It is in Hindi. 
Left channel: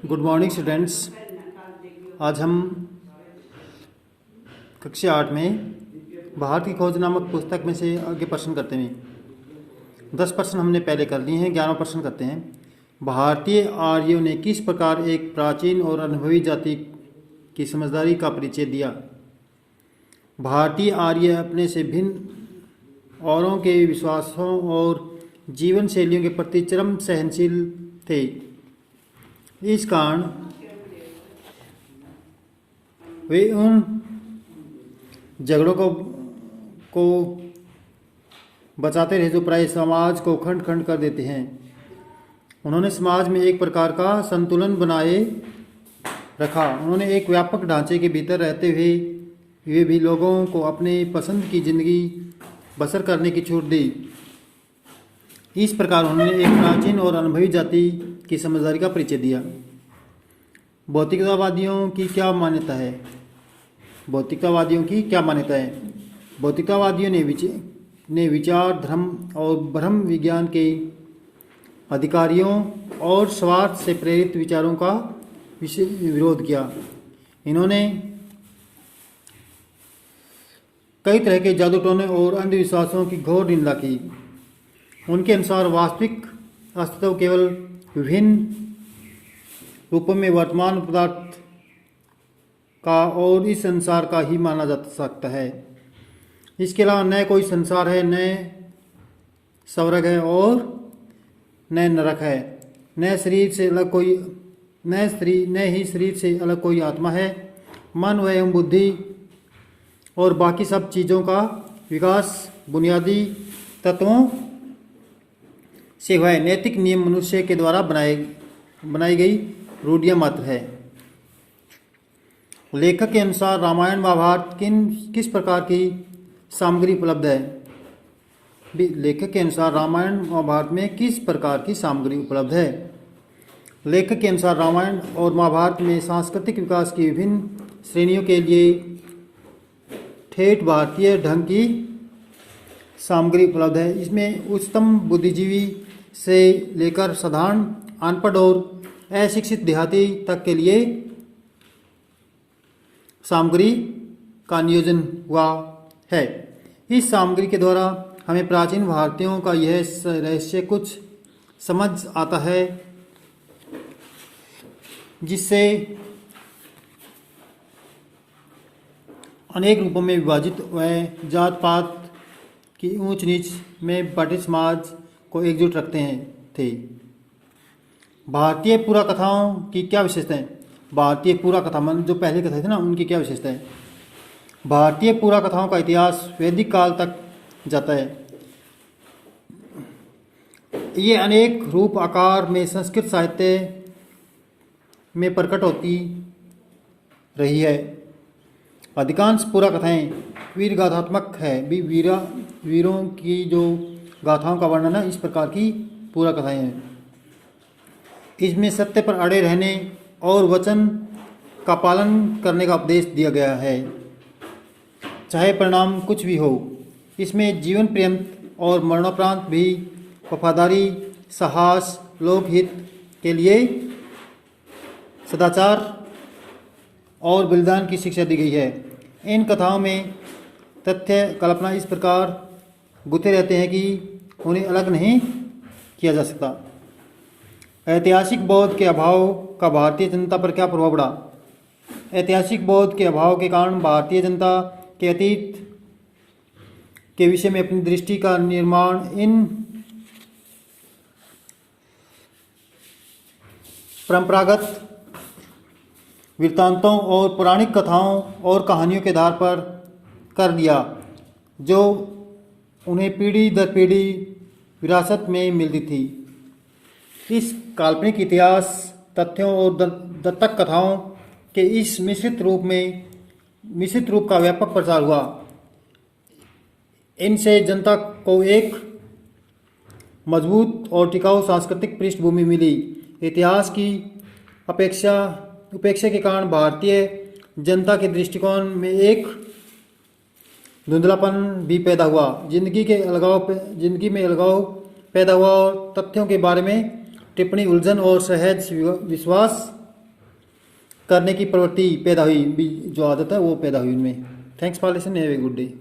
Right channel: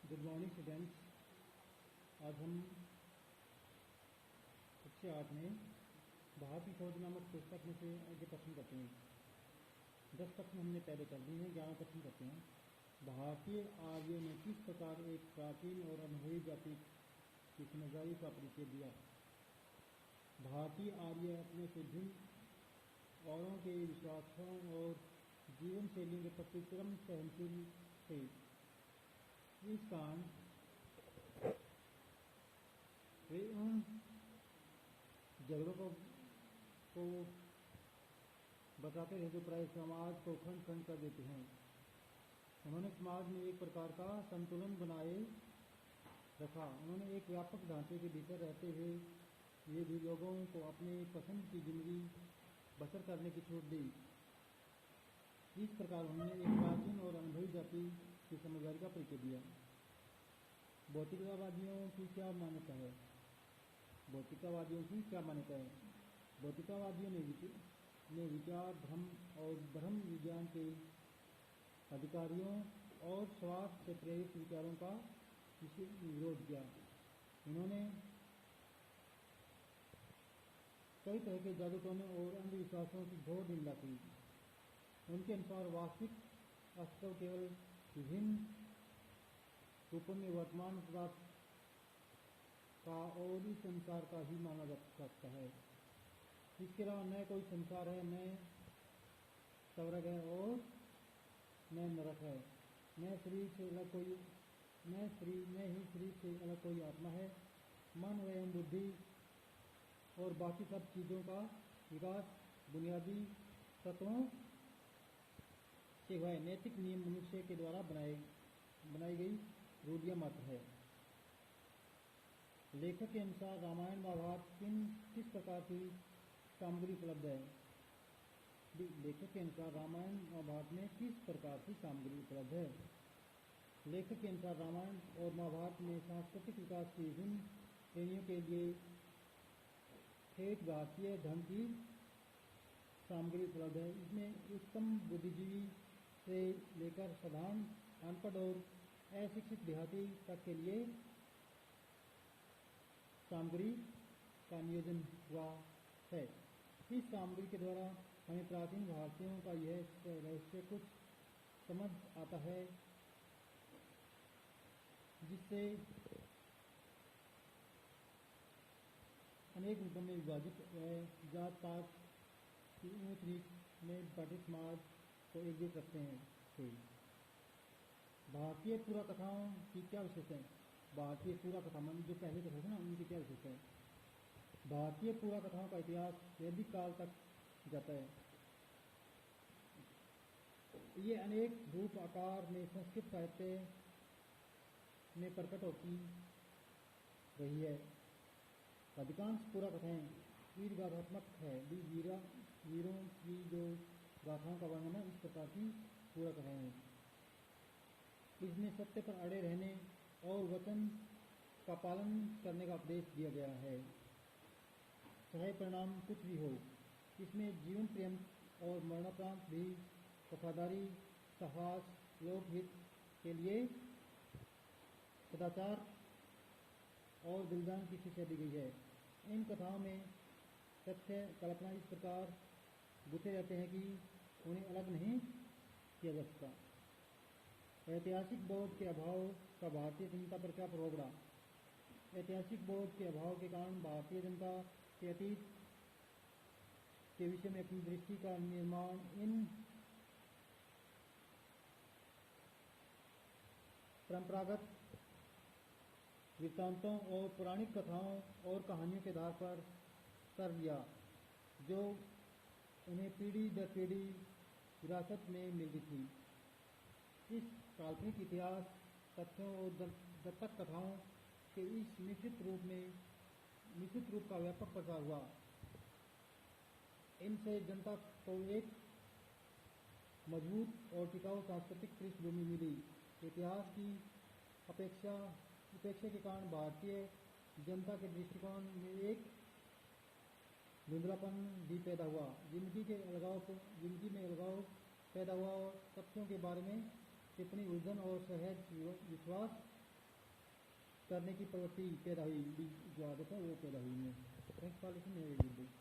Good morning students. आज हम कक्षा 8 में भारत की खोज नामक पुस्तक में से आगे प्रश्न करते हैं। 10 प्रश्न हमने पहले कर लिए हैं, 11वां प्रश्न करते हैं। भारतीय आर्यों ने किस प्रकार एक प्राचीन और अनुभवी जाति की समझदारी का परिचय दिया? भारतीय आर्य अपने से भिन्न औरों के विश्वासों और जीवन शैलियों के प्रति चरम सहनशील थे। इस कारण वे उन झगड़ों को बचाते रहे जो प्राय समाज को खंड खंड कर देते हैं। उन्होंने समाज में एक प्रकार का संतुलन बनाए रखा। उन्होंने एक व्यापक ढांचे के भीतर रहते हुए वे भी लोगों को अपने पसंद की जिंदगी बसर करने की छूट दी। इस प्रकार उन्होंने एक प्राचीन और अनुभवी जाति की समझदारी का परिचय दिया। भौतिकतावादियों की क्या मान्यता है? भौतिकतावादियों की क्या मान्यता है? भौतिकतावादियों ने विचार, धर्म और ब्रह्म विज्ञान के अधिकारियों और स्वार्थ से प्रेरित विचारों का विरोध किया। इन्होंने कई तरह के जादू टोने और अंधविश्वासों की घोर निंदा की। उनके अनुसार वास्तविक अस्तित्व केवल विभिन्न रूपों में वर्तमान पदार्थ का और इस संसार का ही माना जा सकता है। इसके अलावा न कोई संसार है, न स्वर्ग है और न नरक है। न शरीर से अलग कोई न ही शरीर से अलग कोई आत्मा है। मन एवं बुद्धि और बाकी सब चीज़ों का विकास बुनियादी तत्वों से हुआ है। नैतिक नियम मनुष्य के द्वारा बनाई गई रूढ़ियाँ मात्र है। लेखक के अनुसार रामायण महाभारत किस प्रकार की सामग्री उपलब्ध है? लेखक के अनुसार रामायण महाभारत में किस प्रकार की सामग्री उपलब्ध है? लेखक के अनुसार रामायण और महाभारत में सांस्कृतिक विकास की विभिन्न श्रेणियों के लिए ठेठ भारतीय ढंग की सामग्री उपलब्ध है। इसमें उच्चतम बुद्धिजीवी से लेकर साधारण अनपढ़ और अशिक्षित देहाती तक के लिए सामग्री का नियोजन हुआ है। इस सामग्री के द्वारा हमें प्राचीन भारतीयों का यह रहस्य कुछ समझ आता है, जिससे अनेक रूपों में विभाजित व जात पात की ऊंच नीच में बटे समाज को एकजुट रखते थे। भारतीय पुरा कथाओं की क्या विशेषता है? भारतीय पुरा कथा मन जो पहले कथा थे ना, उनकी क्या विशेषता है? भारतीय पुरा कथाओं का इतिहास वैदिक काल तक जाता है। ये अनेक रूप आकार में संस्कृत साहित्य में प्रकट होती रही है। अधिकांश पुरा कथाएं वीर गाथात्मक है। वीरों की जो गाथाओं का वर्णन है, इस प्रकार की पुरा कथाएं हैं। इसमें सत्य पर अड़े रहने और वचन का पालन करने का उपदेश दिया गया है, चाहे परिणाम कुछ भी हो। इसमें जीवन पर्यंत और मरणोपरांत भी वफादारी, साहस, लोकहित के लिए सदाचार और बलिदान की शिक्षा दी गई है। इन कथाओं में तथ्य कल्पना इस प्रकार गुथे रहते हैं कि उन्हें अलग नहीं किया जा सकता। ऐतिहासिक बोध के अभाव का भारतीय जनता पर क्या प्रभाव पड़ा? ऐतिहासिक बोध के अभाव के कारण भारतीय जनता के अतीत के विषय में अपनी दृष्टि का निर्माण इन परंपरागत वृत्तांतों और पौराणिक कथाओं और कहानियों के आधार पर कर दिया, जो उन्हें पीढ़ी दर पीढ़ी विरासत में मिलती थी। इस काल्पनिक इतिहास तथ्यों और दत्तक कथाओं के इस मिश्रित रूप का व्यापक प्रचार हुआ। इनसे जनता को एक मजबूत और टिकाऊ सांस्कृतिक पृष्ठभूमि मिली। इतिहास की उपेक्षा के कारण भारतीय जनता के दृष्टिकोण में एक धुंधलापन भी पैदा हुआ। जिंदगी में अलगाव पैदा हुआ और तथ्यों के बारे में टिप्पणी उलझन और सहज विश्वास करने की प्रवृत्ति पैदा हुई, जो आदत है वो पैदा हुई उनमें। Thanks for listening, have a good day.